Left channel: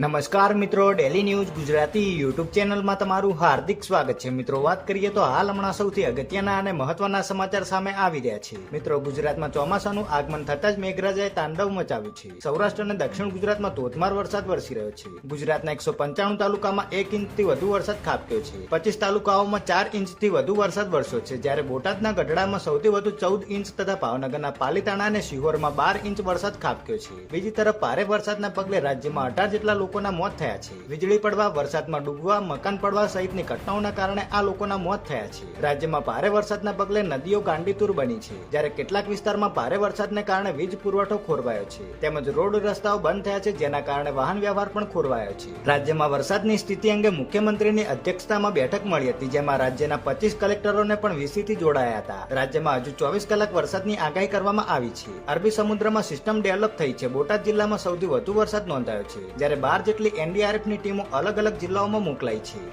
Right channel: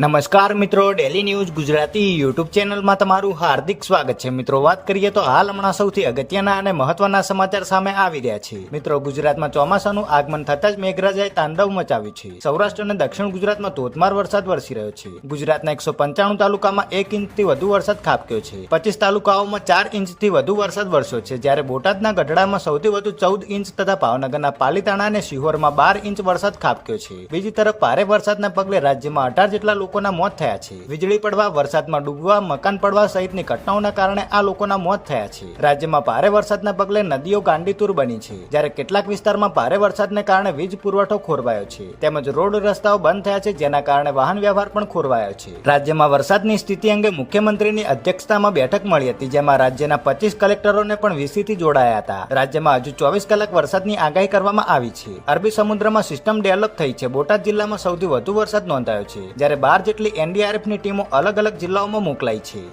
નમસ્કાર મિત્રો, daily news Gujarati YouTube ચેનલમાં તમારું હાર્દિક સ્વાગત છે. મિત્રો, વાત કરીએ તો હાલ હમણાં સૌથી અગત્યના અને મહત્વના સમાચાર સામે આવી રહ્યા છે. મિત્રો, ગુજરાતમાં ચોમાસાનું આગમન થતાં જ મેઘરાજાએ તાંડવ મચાવ્યું છે. સૌરાષ્ટ્ર અને દક્ષિણ ગુજરાતમાં ધોધમાર વરસાદ વરસી રહ્યો છે. ગુજરાતના 195 તાલુકામાં 1 ઇંચથી વધુ વરસાદ ખાબક્યો છે. 25 તાલુકાઓમાં 4 ઇંચથી વધુ વરસાદ વરસ્યો છે, જ્યારે બોટાદના ગઢડામાં સૌથી વધુ 14 ઇંચ તથા ભાવનગરના પાલીતાણા અને શિહોરમાં 12 ઇંચ વરસાદ ખાબક્યો છે. બીજી તરફ ભારે વરસાદના પગલે રાજ્યમાં 18 જેટલા લોકોના મોત થયા છે. વીજળી પડવા, વરસાદમાં ડૂબવા, મકાન પડવા સહિતની ઘટનાઓના કારણે આ લોકોના મોત થયા છે. રાજ્યમાં ભારે વરસાદના પગલે નદીઓ ગાંડીતુર બની છે, જ્યારે કેટલાક વિસ્તારમાં ભારે વરસાદને કારણે વીજ પુરવઠો ખોરવાયો છે, તેમજ રોડ રસ્તાઓ બંધ થયા છે, જેના કારણે વાહન વ્યવહાર પણ ખોરવાયો છે. રાજ્યમાં વરસાદની સ્થિતિ અંગે મુખ્યમંત્રીની અધ્યક્ષતામાં બેઠક મળી હતી, જેમાં રાજ્યના 25 કલેક્ટરોને પણ વીસીથી જોડાયા હતા. રાજ્યમાં હજુ 24 કલાક વરસાદની આગાહી કરવામાં આવી છે. અરબી સમુદ્રમાં સિસ્ટમ ડેવલપ થઈ છે. બોટાદ જિલ્લામાં સૌથી વધુ વરસાદ નોંધાયો છે, જ્યારે 12 જેટલી એનડીઆરએફની ટીમો અલગ અલગ જિલ્લાઓમાં મોકલાઈ છે.